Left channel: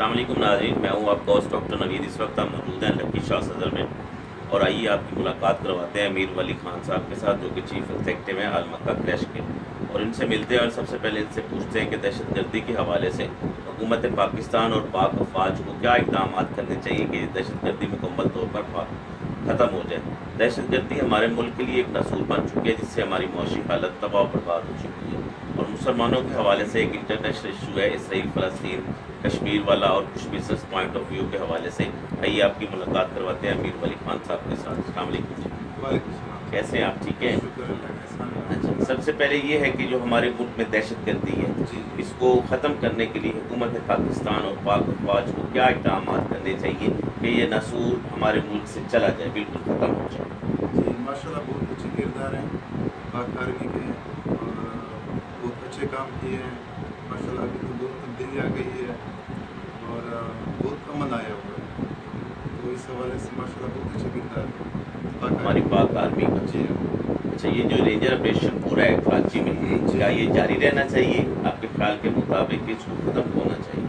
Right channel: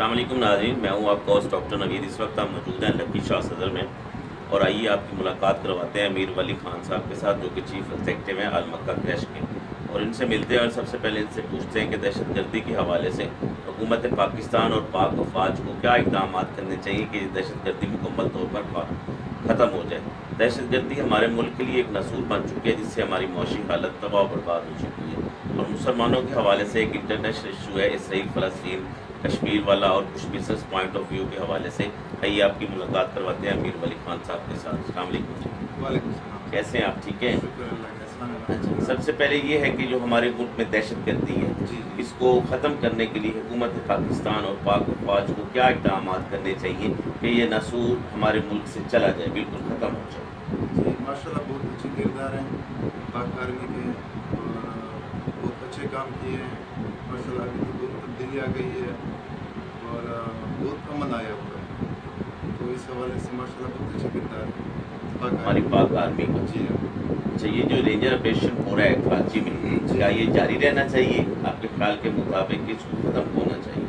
अस्सलाम वालेकुम नाज़रीन, मैं हूँ आपका होस्ट डॉक्टर नवीद। इस वक्त हम मौजूद हैं लकी शाह सदर में और आइए आपकी मुलाकात करवाते हैं अमीर वली खान साहब के साथ, जो कि चीफ एग्जीक्यूटिव हैं अल मक्का क्रैश के। और इनसे मिलते हैं और सबसे पहले इनसे पूछते हैं कि दहशत गर्दी के हवाले से हुकूमत पाकिस्तान और पाक अफवाज को क्या इक़दाम करने चाहिए कि दहशत गर्दी मुकम्मल तौर पर ख़त्म हो जाए। दहशत गर्दी हमारे मुल्क के लिए एक नसूल बन चुकी है, जिससे हमारी मौशी हालत तबाह बर्बाद हो चुकी है। और मुसलमानों के हवाले से एक इंटरनेशनल इशू है इसराइल फ़लस्तीन कश्मीर वाला, और कुछ बिजनेस पॉइंट ऑफ व्यू के हवाले से आइए आपकी मुलाकात करवाते हैं अमीर वली खान साहब के साथ। अस्सलाम वालेकुम जी, कैसे हैं आप? ठीक है। अच्छा, सबसे पहले ये है कि जो हमारे मुल्क में दहशत गर्दी है, इसको ख़त्म करने के लिए हुकूमत पाकिस्तान और पाक अफवाज को क्या इक़दाम करने चाहिए कि ये नसूल हमारे मुल्क से चला जाए, बिल्कुल ख़त्म हो जाए। माशाल्लाह बहुत अच्छे किरदार हैं पाक आर्मी के और बहुत अच्छे काम किए हैं। माशाल्लाह अभी तो बहुत तब्दीली आ गई है और बहुत अमन आया हुआ है, तो इस हवाले से माशाल्लाह बहुत अच्छे किरदार हैं हमारी पाक आर्मी का। जी। अच्छा, ये जो रेंजर ऑपरेशन हो रहा है कराची में, क्या ये जारी रहना चाहिए आपके ख्याल के मुताबिक, इसको ख़त्म होना चाहिए?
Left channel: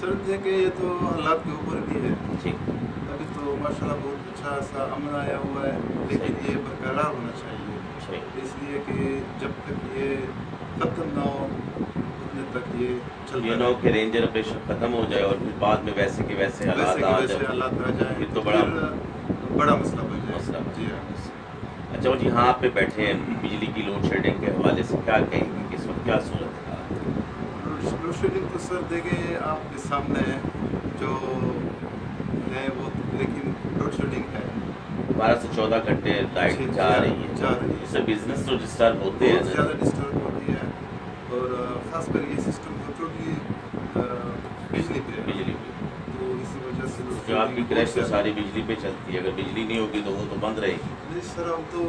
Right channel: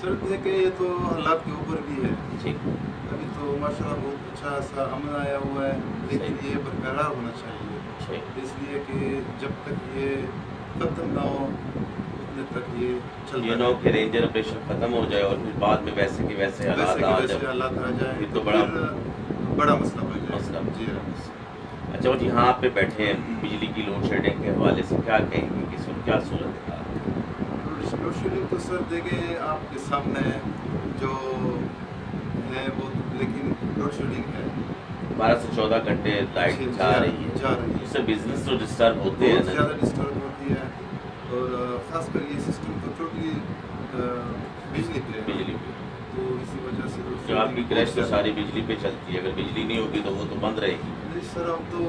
सर देखिए, ये तो अल्लाह के ऊपर भी है। ठीक, अभी तो माशाल्लाह बहुत अच्छा सा अमन आया हुआ है, लेकिन ये बरकरार होना चाहिए, इसलिए कि जब तक ये ख़त्म ना हो उतने तक ये चल ये ना हो कि रेंजर ऑपरेशन ख़त्म हो जाए और फिर बाद में वैसे के वैसे हालात आ जाए, फिर तो बड़ा मसला हो जाए। मसला। जी। अच्छा, और यहाँ पे बैठे हैं, बिजली की लोड शेडिंग के हवाले से क्या कहेंगे कि इस वक्त क्या सूरत है? लोड शेडिंग तो सर देखें आपके सामने है जो है वो, लेकिन लोड शेडिंग है 12 से 14 घंटे लाइट जा रही है, उससे बिजनेस तो डिस्टर्ब होते हैं बहुत ना। ज़्यादा डिस्टर्ब होती है, और ख़ासकर ये सिस्टम तो क्योंकि बिजली पे है, बिजली पे तो इसी वजह से जो आपकी क्रैश तो सारी बिजली पे चलती है, अगर बिजली नहीं होगी तो वो तो बंद रहेगी। नहीं सर, हम तो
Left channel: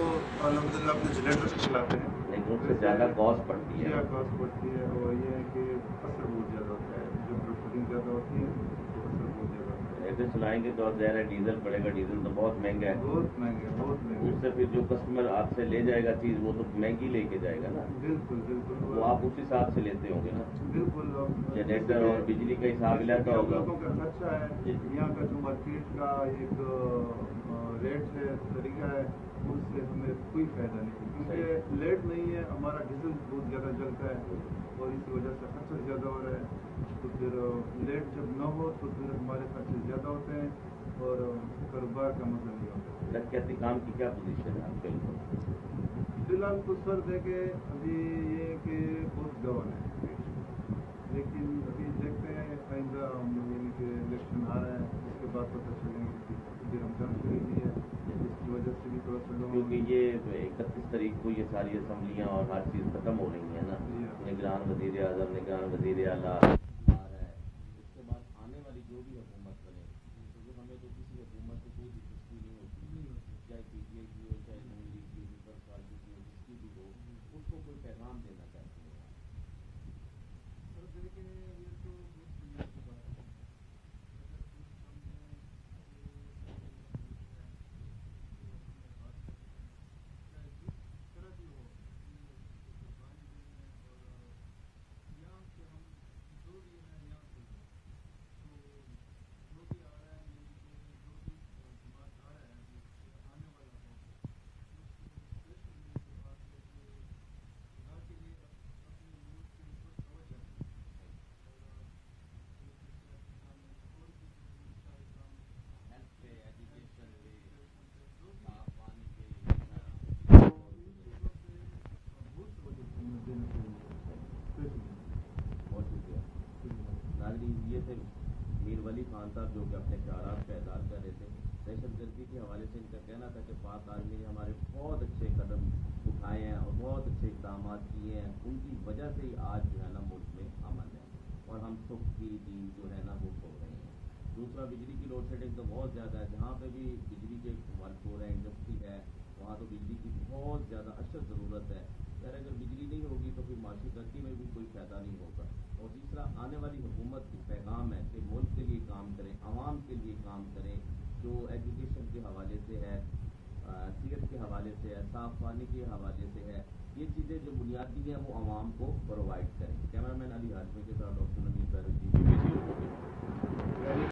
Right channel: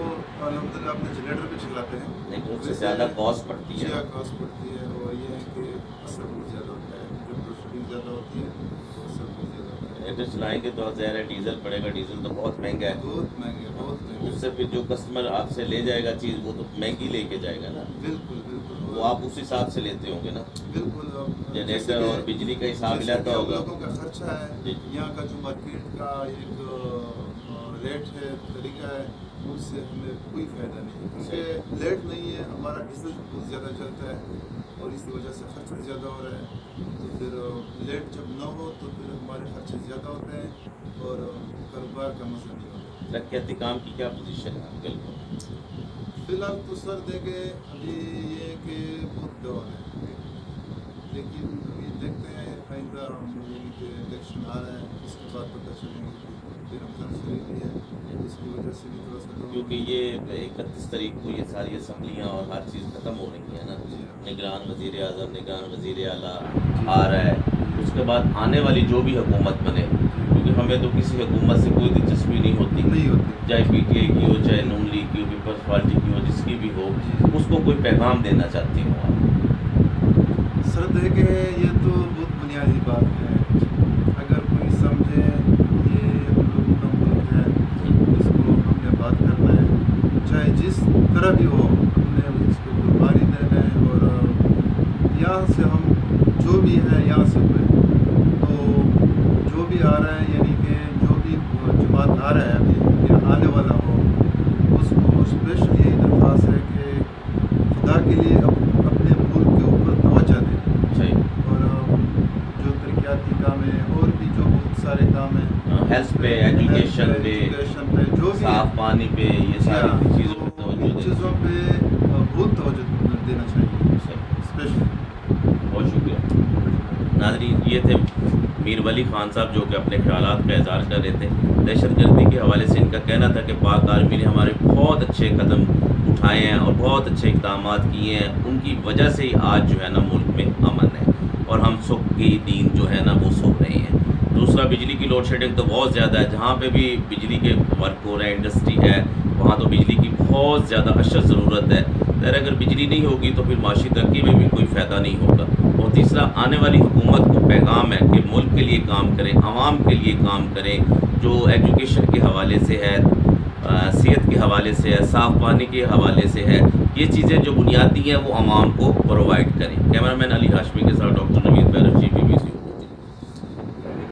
अलहमदिल्ला अपने जनरेटर पे चलाते हैं, लेकिन उससे ज़्यादा कॉस्ट पड़ती है। ज़्यादा कॉस्ट पड़ती है, और ये है कि असर बहुत ज़्यादा होता है, जब लोड ज़्यादा होती है तो असर बहुत ज़्यादा होता है। जनरेटर चलाएंगे तो ज़्यादा डीजल पड़ेगा, डीजल तो बहुत महंगा है, बहुत महंगे, बहुत महंगे। उससे फिर जो कस्टमर आपसे ले जाएगा चीज़ वो तो महंगी लेके जाएगा ना। बिल्कुल बिल्कुल, वो आप उस हिसाब से लेते होंगे ना। बिल्कुल जनरेटर और बिजली का हिसाब मिलाता होगा। लोगों का खर्चा है, यहाँ का जो मार्केट का एक रेट है, तरीका है, उससे हमें कोई फ़ायदा नहीं, क्योंकि लेट नहीं है, हमारा डीजल बहुत ज़्यादा चलता है और इसी वजह से खर्च भी ज़्यादा हो रहा है। तो फिर लेट जब ना हो तो फिर हमारे खर्चे ज़्यादा होते हैं और कारोबार का मज़ा नहीं होता। तरक्याती काम की क्या पोजीशन है आपके लिए? फ़िलहाल तो सर देखे अभी ये कि बहुत डाउन है, लेकिन अभी देखते हैं आइंदा हम लोगों के इलेक्शन आ रहे हैं, उसके बाद पता चलेंगे कि रमज़ान शरीफ भी है, उसकी वजह से भी थोड़ा सा डाउन, क्योंकि ये 31 तारीख को ये सारी असम्बलियाँ और हर चीज़ ख़त्म हो रही है ना। निगरान वज़ीर आज़म, निगरान वज़ीर आला आ रहा है, उसके बाद आने वाली जो भी हुकूमत बने, क्योंकि हमें तो किसी हुकूमत से कोई दिलचस्पी नहीं होती, चाहे PTI की हो, चाहे नून लीग की हो, पीपल्स पार्टी की हो, जिसकी भी हो, उसको कोई पैगाम देना चाहती हूँ आप? सर देखे ये तो बहुत बुनियादी बात है, अगर कोई समझे ये हम लोगों का मुल्क है, इसको हमने बात करना है, चाहे जिस तरह भी हो, हमने इसको कुर्बानी देना है, और यहाँ से हम जो भी है यहाँ से हुए, तो जो भी आ रहा है, यानी कि जो भी जमात आ रहा है अभी या आने वाला हो, उसको स्पेशल यही दरख्वास्त है कि खुदा के लिए अपने मुल्क के ऊपर तवज्जो दें, और जो तरक्याती काम है और भी जो बहुत सारे काम हैं, हेल्थ पे, एजुकेशन पे, जो भी साफ पानी पे, ये सारी चीज़ों पर तवज्जो चीज़ों पे बहुत तवज्जो देना चाहिए स्पेशल। बहुत शुक्रिया नाज़रीन, ये थे मीर वली खान साहब, जो कि अपने ख्यालात का इज़हार कर रहे थे दहशत गर्दी के हवाले से। इनका कहना था कि पाक आर्मी ने हमारे बहुत अच्छे कदम उठाए हैं और बहुत अच्छे इक़दाम किए हैं, उनकी वजह से ही आज जो है ना मुल्क में अमन है और हम सुख की नींद जो है ना वो सो रहे हैं। दूसरा, बिजली की लोड शेडिंग तो बहुत ज़्यादा है, जहाँ पे भी बिजली के वर्क हो रहे हैं, इंडस्ट्री है, वहाँ तो बिजली की बहुत ज़्यादा अशद ज़रूरत है। खैर, अगर बिजली नहीं होगी तो फिर माशी तरक्की में भी कोई फ़ायदा नहीं होगा। और तीसरा, आने वाली हुकूमत को पैगाम है कि मुल्क के लिए काम करें, आवाम के लिए काम करें, जो एजुकेशन के हवाले से है, सेहत के हवाले से है, साफ़ पानी के हवाले से है, ये चीज़ें जो बुनियादी हैं वो आवाम को प्रोवाइड करें। कैमरामैन अली हाशमी के साथ डॉक्टर नवीद।